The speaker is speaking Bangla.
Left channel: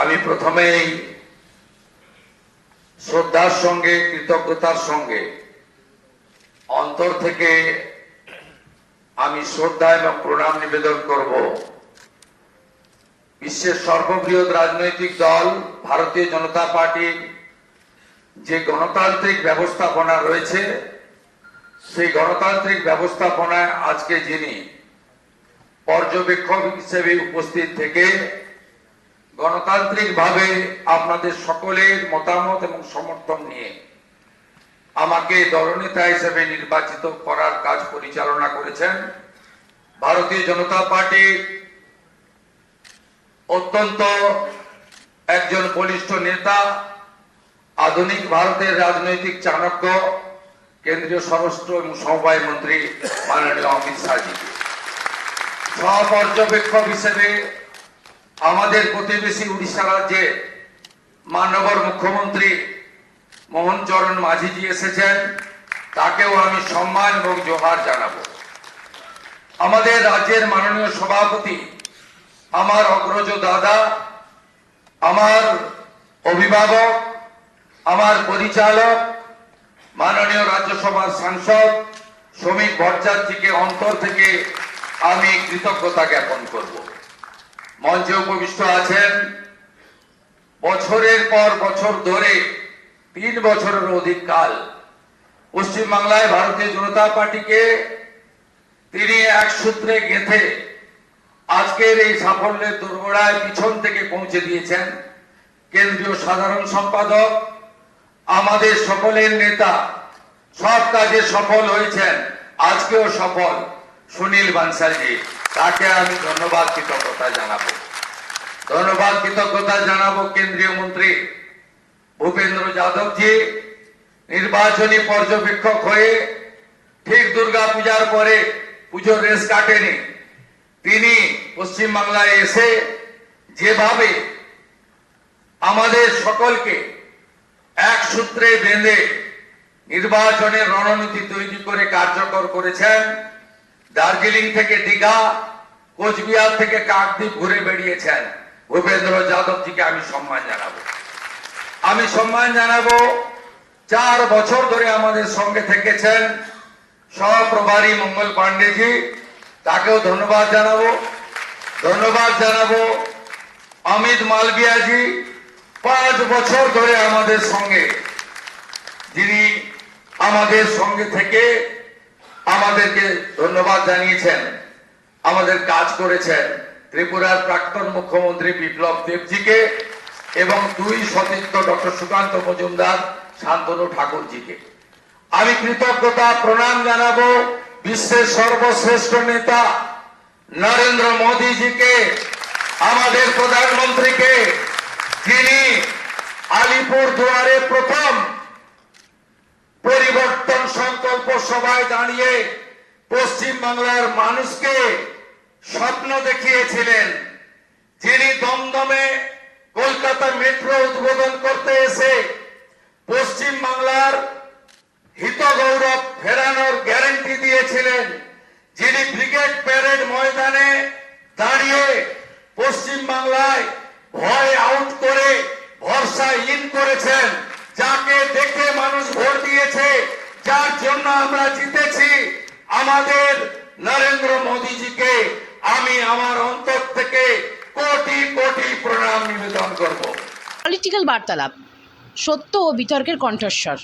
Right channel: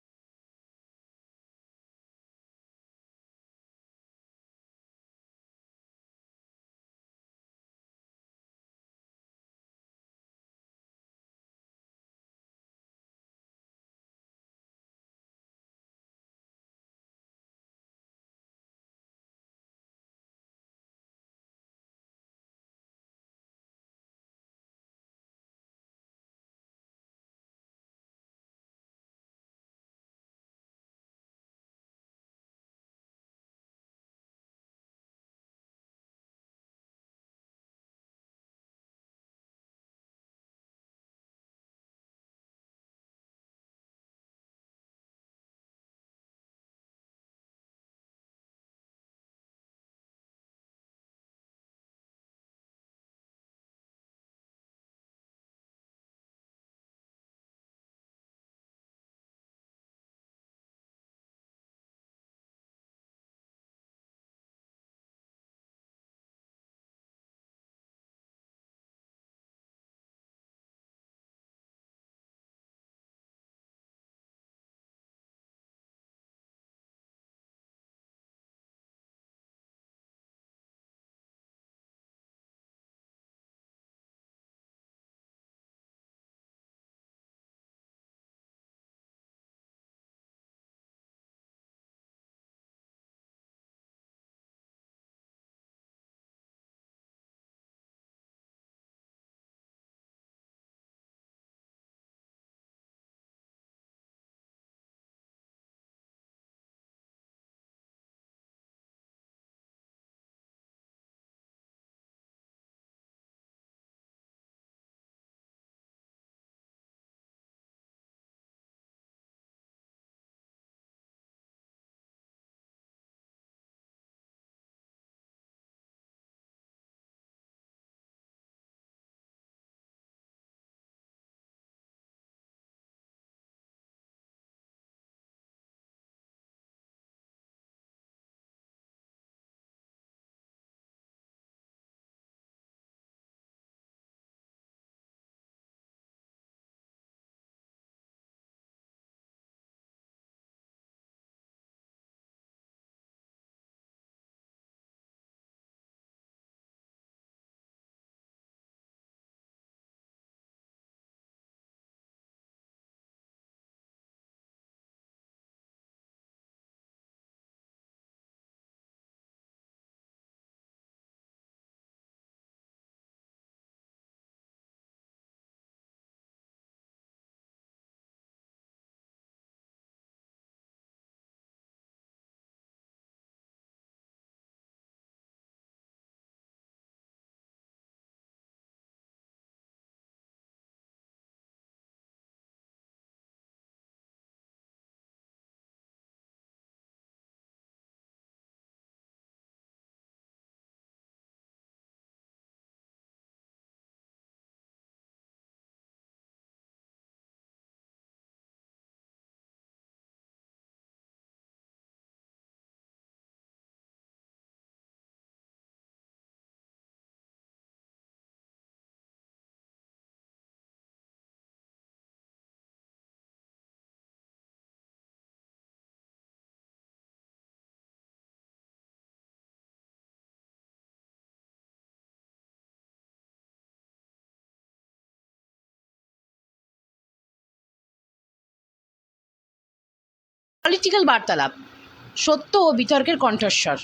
আমি প্রথমেই শ্রদ্ধার সঙ্গে কৃতজ্ঞতার সঙ্গে অন্তর থেকে আমি শ্রদ্ধা এবং প্রণাম নিবেদন করব বিশ্বের সর্ববৃহৎ রাজনৈতিক দল ভারতীয় জনতা পার্টির যে গণতান্ত্রিক ব্যবস্থাপনা রয়েছে, সেই গণতান্ত্রিক ব্যবস্থাপনায় আজকে যিনি পর্যবেক্ষক হিসেবে উপস্থিত থেকে গণতান্ত্রিকভাবে আপনাদের সকলের মতামত এবং সমর্থন নিয়ে আমাকে দলনেতা হিসেবে নির্বাচিত করার কাজ পরিচালনা করেছেন ভারতীয় জনতা পার্টির অত্যন্ত একজন বলিষ্ঠ নেতা, আধুনিক ভারতের রাজনৈতিক চাণক্য, কেন্দ্রীয় স্বরাষ্ট্র এবং সমবায় মন্ত্রী মাননীয় অমিত শাহজি। সহপর্যবেক্ষক হিসেবে আমাদের প্রতিবেশী উড়িষ্যা রাজ্যে মাননীয় মুখ্যমন্ত্রী মোহন চরণ মাঝিজি এসেছেন, তাকেও আমি সম্মান এবং জোহার জানাবো। আমাদের রাজ্যের মাননীয় সভাপতি, আমার অগ্রজ দাদা, আমার অভিভাবক, আমার পরিচালক মাননীয় রাজ্যসভার সাংসদ শ্রমিক ভট্টাচার্যকে অন্তর থেকে আমি কৃতজ্ঞতা জ্ঞাপন করব। মঞ্চে উপবিষ্ট আছেন বছরের পর বছর ধরে 3 বছরের অধিক কাল পশ্চিমবাংলায় ভারতীয় জনতা পার্টিকে তিনি এক সূত্রে গেঁথে আজকের এই সাফল্যের দোরগোড়ায় পিছন থেকে পৌঁছে দিয়েছেন কেন্দ্রীয় সাধারণ সম্পাদক, আমাদের সকলের নেতা, সব কাজে সফল হয়েছেন, আজকেও সফল সুনীল বানসালজি। তাকে আমি ধন্যবাদ কৃতজ্ঞতা জানাবো। কেন্দ্রীয় মন্ত্রী ভূপেন্দ্র যাদবজি নির্বাচনী পর্যবেক্ষক হয়ে ঠিক দুর্গা পূজার পরে পুজোর রেস কাটেনি, তিনি পশ্চিমবাংলায় এসে যেভাবে আমাদের সকলকে এক সূত্রে বেঁধে নির্বাচনের রণনীতি তৈরি করে কার্যকর করেছেন। দার্জিলিং থেকে দীঘা, কোচবিহার থেকে কাকদ্বীপ ঘুরে বেরিয়েছেন ভূপেন্দ্র যাদবজিকে আমি সম্মান জানাবো। 4 বছর ধরে আমাদের সঙ্গে থেকেছেন সহপ্রভারী মঙ্গল পাণ্ডেজি, তাকেও ধন্যবাদ জানাবো। অমিত মালভিয়াজি 5 বছর ধরে আমাদের সঙ্গে, যিনি আমাদের সঙ্গে থেকে আমাদেরকে ধন্যবাদ জানিয়েছেন, আমাদের কাজ করেছেন। ত্রিপুরার প্রাক্তন মুখ্যমন্ত্রী বিপ্লব দেবজিকে এবং 2 সতীর্থ ডক্টর সুকান্ত মজুমদার, শান্তনু ঠাকুরজিকে আমি কৃতজ্ঞতা প্রণাম জানাবো। বিশ্বের সর্বশ্রেষ্ঠ নেতা নরেন্দ্র মোদীজিকে, আমাদের প্রধানমন্ত্রীকে, যিনি আলিপুর দুয়ারে প্রথম পরিবর্তন সংকল্প সভায় দাঁড়িয়ে পশ্চিম বাংলার মানুষকে স্বপ্ন দেখিয়েছিলেন, যিনি দমদমে কলকাতা মেট্রো উদ্বোধন করতে এসে পশ্চিম বাংলার হিত গৌরব ফেরানোর গ্যারান্টি দিয়েছিলেন, যিনি ব্রিগেড প্যারেড ময়দানে দাঁড়িয়ে পশ্চিম বাংলায় ভয় আউট করে ভরসা ইন করেছেন, যাকে দেখে মানুষ ভোট দিয়েছে, যার জন্য আমরা জিতেছি, আমাদের নরেন্দ্র মোদীজিকে আমি আমার অন্তর থেকে কোটি কোটি প্রণাম নিবেদন করব। পলিটিক্যাল বার্তালাপ, সত্য ও বিতর্কের কণ্ঠস্বর।